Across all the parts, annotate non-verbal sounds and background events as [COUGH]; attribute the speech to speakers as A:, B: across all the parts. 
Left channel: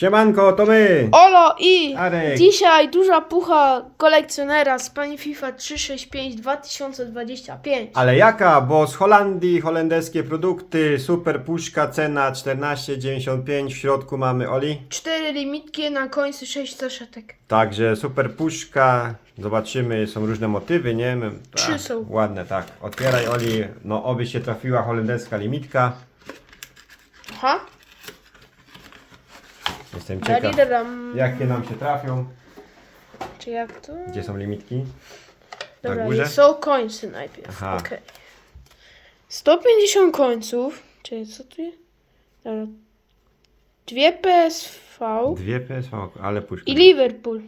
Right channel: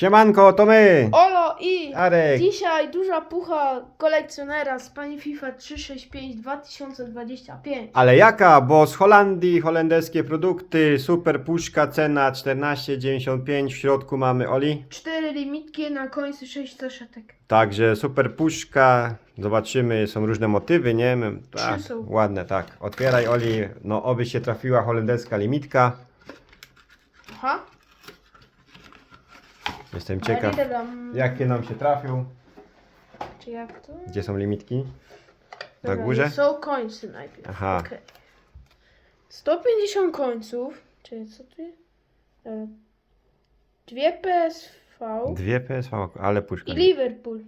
A: Siemanko, to my!
B: Olo i
A: Arek.
B: dzisiaj duża pucha kolekcjonera z pani FIFA 365 2025.
A: Ale jaka? Bo z Holandii holenderskie produkty, super puszka, cena 14,95, w środku mamy Oli.
B: Cztery limitki na końcu 6 saszetek.
A: Także super puszka, zobaczymy, są różne motywy, nie?
B: Trzy są.
A: Ładne, tak. Otwieraj Oli, no oby się trafiła holenderska limitka.
B: Aha.
A: Jestem ciekaw,
B: Daridaram.
A: jakie nam się trafią.
B: Czy jak to?
A: Gdzie są limitki? Na
B: Dobra,
A: górze?
B: są końce najpierw.
A: Aha.
B: Okej. 150 końców. Czyli co tu jest? Dobra. Dwie PSV
A: Dwie PSV, ale puszka.
B: i Liverpool.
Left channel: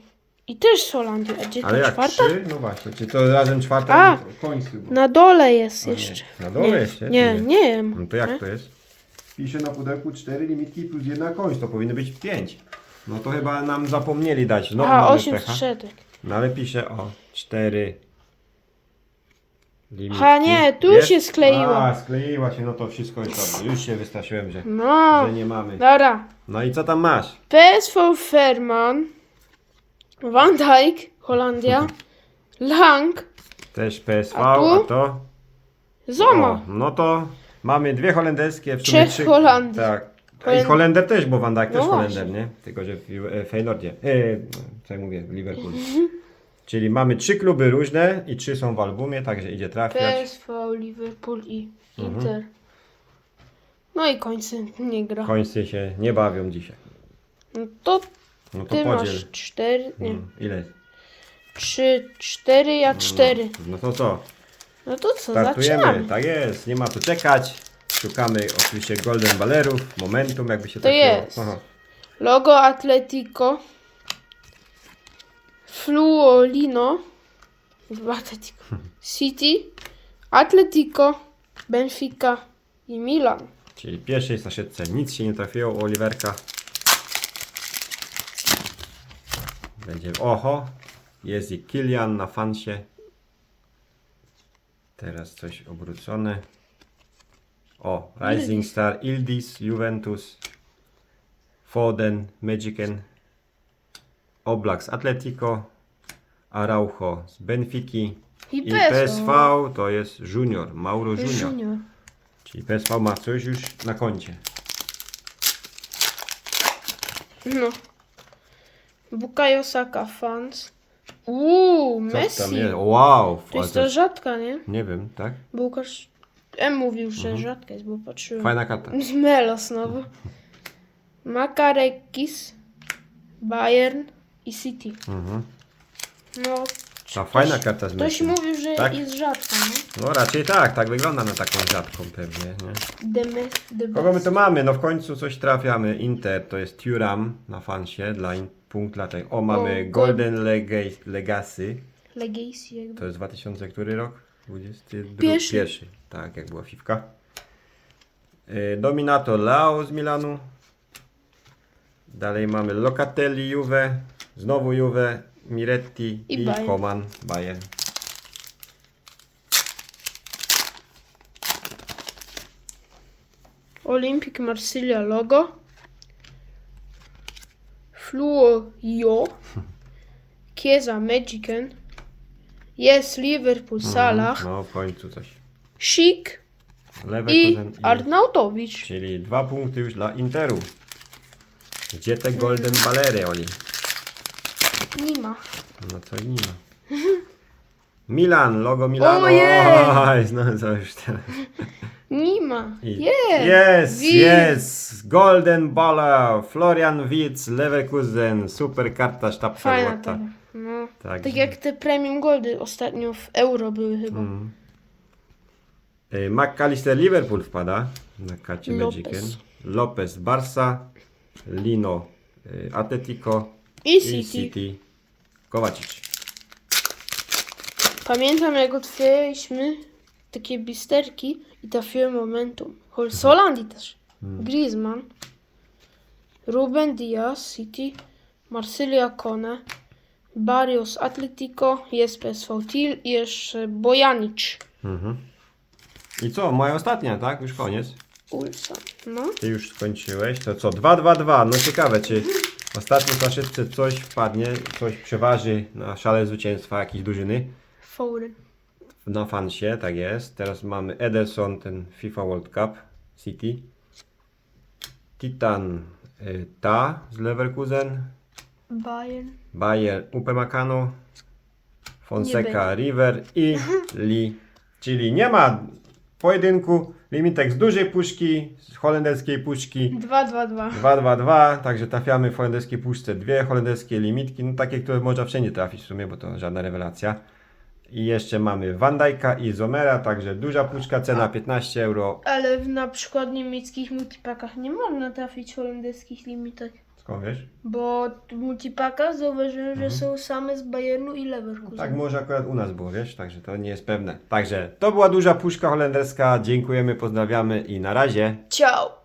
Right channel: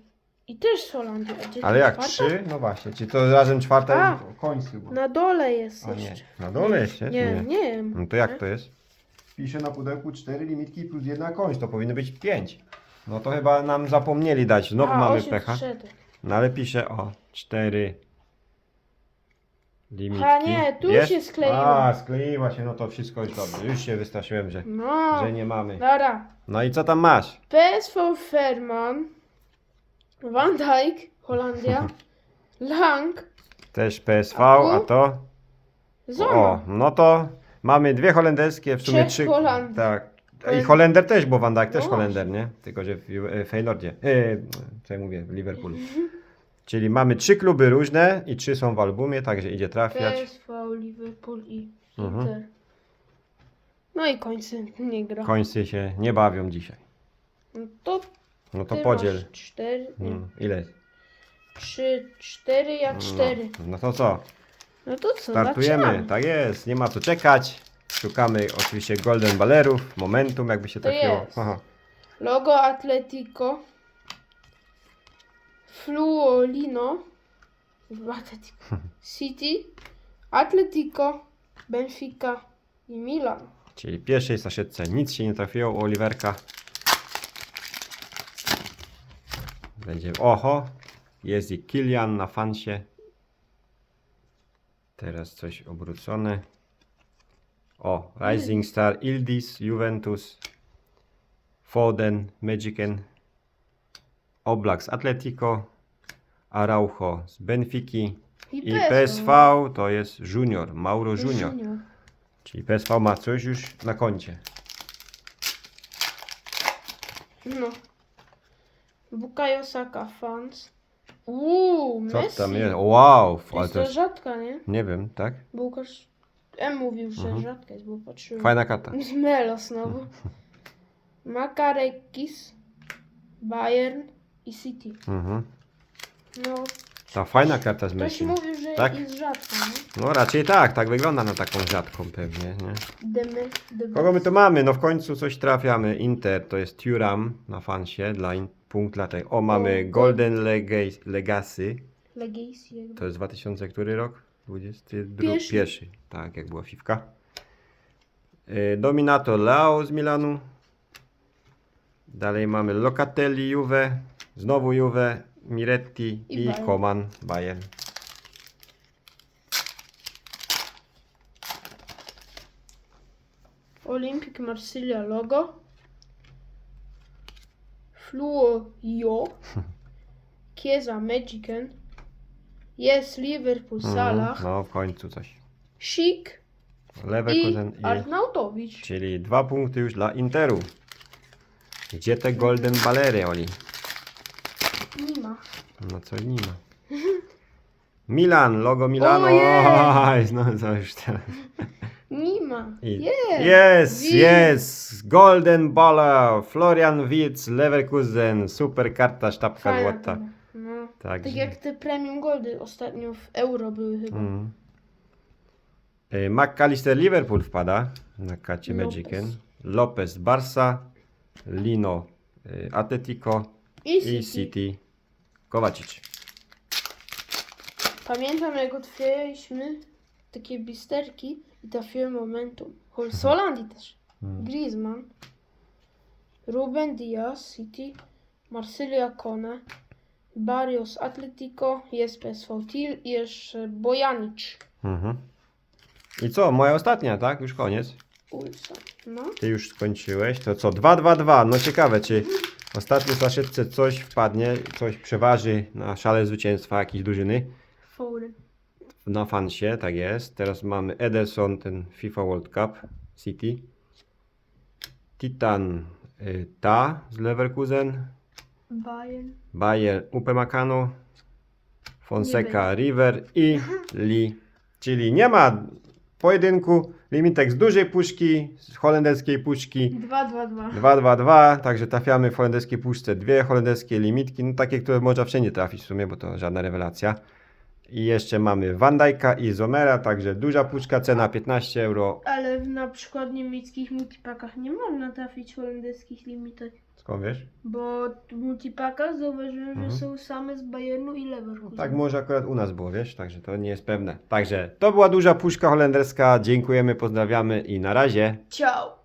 B: I też z Holandii. A gdzie
A: Ale
B: ta
A: jak
B: czwarta?
A: trzy? No właśnie, czy to razem czwarta
B: A,
A: końcu?
B: Na dole jest
A: nie,
B: jeszcze.
A: Na dole
B: nie,
A: jeszcze?
B: Nie, nie wiem.
A: No to jak to jest? Pisze na pudełku cztery limitki plus jedna kończ, to powinno być pięć. No to chyba nam zapomnieli dać. No
B: Aha,
A: mamy
B: 8
A: pecha. No ale pisze o cztery limitki.
B: Aha, nie, tu
A: Jest?
B: się skleiła.
A: A, skleiła się, no to wszystko już dobrze. Już się wystraszyłem, że,
B: No,
A: że nie mamy.
B: dobra.
A: No i co tam masz?
B: PSV Ferman, Van Dijk, Holandia, [LAUGHS] Lang,
A: Też PSV,
B: A tu?
A: a to?
B: Zoma.
A: O, no to mamy dwie holenderskie, w sumie
B: Trzech
A: trzy.
B: Holandii.
A: Tak. I
B: Holen-
A: Holender też, bo Van Dijk też
B: No
A: Holender,
B: właśnie.
A: nie? Tylko, że w e, Feylordzie. E, co ja mówię, w Liverpoolu. [LAUGHS] Czyli mamy trzy kluby różne i trzy są w albumie, także idzie trafiać.
B: PSV, Liverpool i
A: Mhm.
B: Inter. No i końcy nie gra.
A: Końcy się nie bawią dzisiaj.
B: No to
A: No to
B: ty
A: podziel.
B: masz cztery, nie,
A: Mm, Ile?
B: trzy, cztery, ja cztery.
A: No to co?
B: No to co, zaczynamy.
A: Tak jest, nie ma tu czekać. Szukamy oczywiście Golden Ballerów, Momentum, jakby się
B: To
A: trafiło.
B: jest.
A: Aha.
B: Logo Atletico. Fluolino. Atletico. [LAUGHS] City. Atletico. Benfica i Milan.
A: Czyli pierwszej saszetce nic się nie trafiło u Oliverka. Będzie oho. Jest i Kilian na fansie. Teraz coś obrócone. O, Rising Star, Ildis, Juventus, Foden, Magicen, Oblak z Atletico, Araujo z Benfiki
B: I,
A: i PSV to jest Junior, Mauro Junior.
B: Junior.
A: Czyli PSV ma coś już na koncie.
B: No. Bukayo Saka fans. Uuu,
A: Co
B: Messi.
A: tam jest? Wow!
B: To
A: ale
B: jest
A: to
B: to rzadka, nie?
A: nie wiem, tak?
B: Bo Łukasz M mówił, że rzadka jest, bo patrzyłem.
A: Mhm. Fajna karta. [LAUGHS]
B: Z Melo znowu. Makarekis, Bayern i City.
A: Mhm.
B: No,
A: Ta fajna karta z
B: ktoś
A: Messi.
B: mówił, że
A: Tak?
B: jest rzadka, nie?
A: No raczej tak, tak wygląda na taką rzadką pewnie. Nie?
B: Deme, de
A: Kogo my
B: best.
A: tu mamy? No w końcu coś trafiamy. Inter to jest Turam na fansie dla in, punkt dla tego. O, mamy Golden Lega- Legacy.
B: Legacy jakby.
A: To jest 2000 który rok? 22?
B: Pierwszy.
A: Pierwszy. Tak, jak była Fifka. Y, Dominato Lao z Milanu. Dalej mamy Locatelli Juve. Znowu Juve, Miretti
B: I
A: i,
B: Bayern.
A: Koman Bayern.
B: Olympic Marsylia logo. Fluo Jo. Chiesa Magicen. Jest Liverpool Salah.
A: No w końcu coś.
B: Chic i
A: Leverkusen i...
B: Arnautowicz.
A: Czyli dwa punkty już dla Interu. Gdzie te Golden Ballery, Oli?
B: Nie ma.
A: No co nie ma. [LAUGHS] Milan, logo Milanu.
B: Ojej! [LAUGHS]
A: Oj, no co już teraz.
B: Nie ma.
A: I-
B: Jest.
A: Jest,
B: Widz.
A: jest! Golden Baller, Florian Wirtz, Leverkusen, super karta, sztabka
B: Fajna ta. No.
A: Także-
B: Tak jak te premium goldy ostatnio w euro były chyba.
A: Mm. Y, McAllister Liverpool wpada na karcie
B: Lopez.
A: Magicen. Lopez Barca, Lino y, Atletico
B: I
A: i
B: City.
A: City Kovacic.
B: Pamiętam jak otwieraliśmy takie bisterki i trafiłem momentum. Z Holandii też. Griezmann. Ruben Diaz, City. Marsylia Kone. Barrios Atletico. Jest PSV Til i jeszcze Bojanic.
A: Mhm. I co, moja ostatnia, tak? Już koniec.
B: Ulsan. No.
A: Ty już skończyłeś. To co? 2, 2, 2. No ciekawe, czy w ostatniej flaszeczce coś wpadnie, coś przeważy na szale zwycięstwa jakiejś drużyny.
B: Foden.
A: Na fansie, tak jest. Teraz mamy Ederson, ten FIFA World Cup City. Titan y, Ta z Leverkusen.
B: Bayern.
A: Bayer Upamecano. Fonseca River i [LAUGHS] Lee. Czyli nie ma pojedynku. Limitek z dużej puszki, z holenderskiej puszki.
B: 2, 2, 2.
A: 2-2-2, także trafiamy w holenderskiej puszce dwie holenderskie limitki, no takie, które można wszędzie trafić w sumie, bo to żadna rewelacja. I jeszcze mamy Van Dijk'a i Zomera, także duża puszka, cena 15 euro.
B: Ale w na przykład niemieckich multipakach nie można trafić holenderskich limitek.
A: Skąd wiesz?
B: Bo w multipakach zauważyłem, że są same z Bayernu i Leverkusen.
A: Tak może akurat u nas było, wiesz, także to nie jest pewne. Także to była duża puszka holenderska, dziękujemy, pozdrawiamy i na razie.
B: Ciao!